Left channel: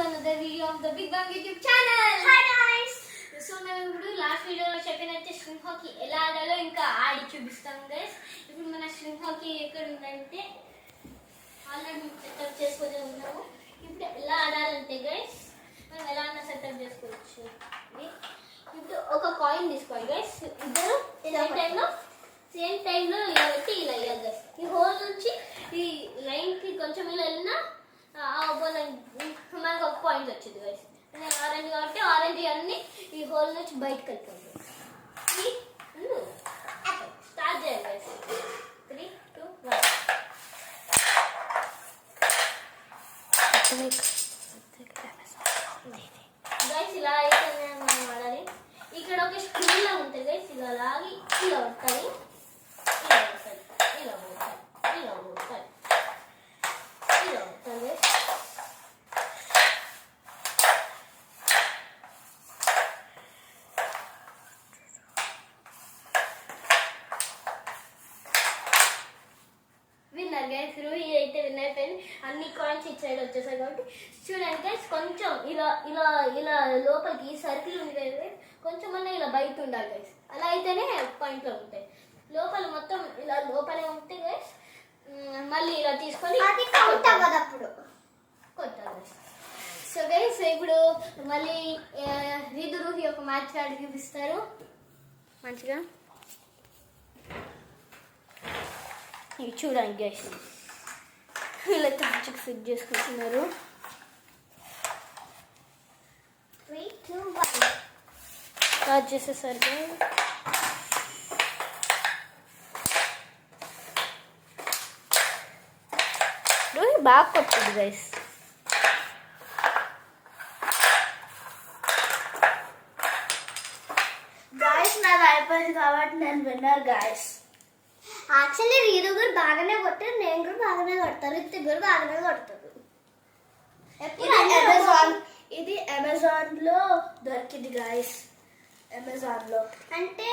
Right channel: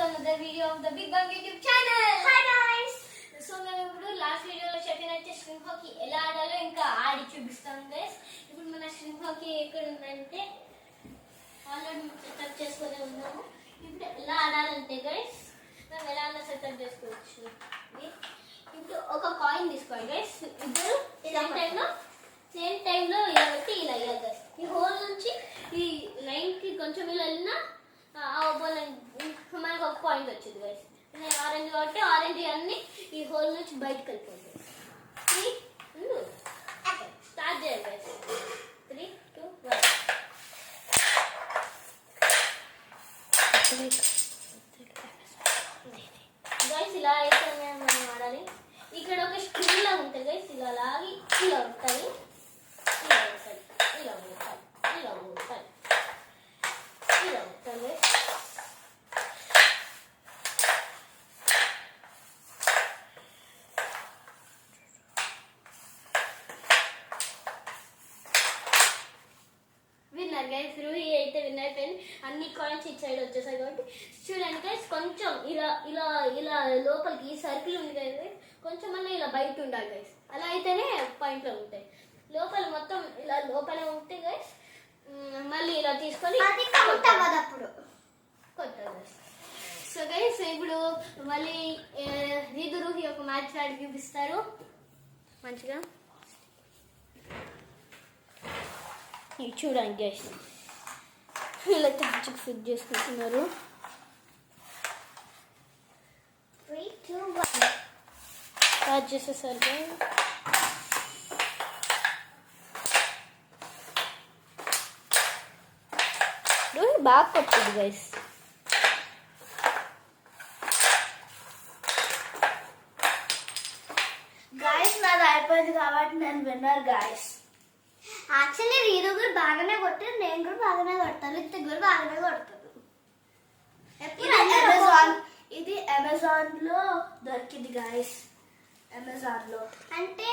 another video of the Big Bang YouTube channel. Hi guys. So నేను ఇప్పుడు last వీడియోలో చెప్పినట్టే స్ట్రింగ్ హాకీ ఎలా ఆడాలో ఇంకా ఆడి చూపిస్తాం గైస్. ఇప్పుడు మన స్ట్రింగ్ హాకీ ఎక్కడ ఉందంటే ఆల్రెడీ సెటప్ చేసుకొని ఉన్నాము. ఇప్పుడు ఎలా ఆడాలంటే గైస్ మనం ఎలా అన్నా సెటప్ చేసుకోవచ్చు. ఇప్పుడు ఒక కాయిన్ తీసుకోవాలి గైస్. ఇద్దరు సేమ్ టైంలో ఇలా పెట్టి ఇలా వేయాలి గైస్. ఈ హోల్ నుంచి ఈ లైన్కి కొంచెం ఇలా వెళ్ళినా మనకు ఒక పాయింట్ వచ్చింది గైస్. ఆరెంజ్ కాబట్టి ఆరెంజ్ అన్ని ఈ హోల్ నుంచి బయటకు వెళ్ళిపోయింది. స్టార్ట్ చేయాలి గైస్. 3, 2, 1. గైస్ ఇలా అయితే మనం ఆడాలి. ఇక్కడ ఒక స్క్రీన్ లా ఉంటుంది గైస్. ఇలా లాగి ఇలా ఉంటుంది, ఇలా ఉంటుంది, ఇలా ఉంటుంది, ఇలా ఉంటుంది, ఇలా ఉంటుంది. Winner guys. రూహి అయితే విన్నర్ అయిపోయింది. అన్ని కాయిన్స్ ఇటు సైడ్ వచ్చేసాయి కాబట్టి చూడండి గైస్. కొంచెం ఇలా ఇలా ఇలా లోపలికి సర్కిల్ ఉంది కదా, కొంచెం అన్నా ఇలా బయట ఉండాలి గైస్. అలా అయితేనే పాయింట్లో ఉంటాయి. లోపల మొత్తం ఇలా లోపలే ఉంటే గైస్ మళ్ళీ ఇలా తీసుకొని కొట్టాలి. సో గైస్ ఇప్పుడు మళ్ళీ రీదు రూహి ఒక మ్యాచ్ ఆడి చూపిస్తారు మంచిగా. ఇవి చూడండి గైస్, ఇలా మంచిగా ఫిట్ చేసుకుంటున్నారు. 3, 2, 1. స్టార్ట్ చేసేసారు గైస్. రూహి బాగా కొట్టింది గైస్. గైస్ నాది అయిపోయింది కాబట్టి నేను విన్నర్ గైస్. యాక్చువల్లీ రీడు కూడా బాగానే కొట్టారు, నేను కూడా బాగానే కొడతాను, రితిక్ కూడా బాగానే కొడతారు. ఇది అమెజాన్ లో దొరికింది గైస్. అమెజాన్ లో అంటే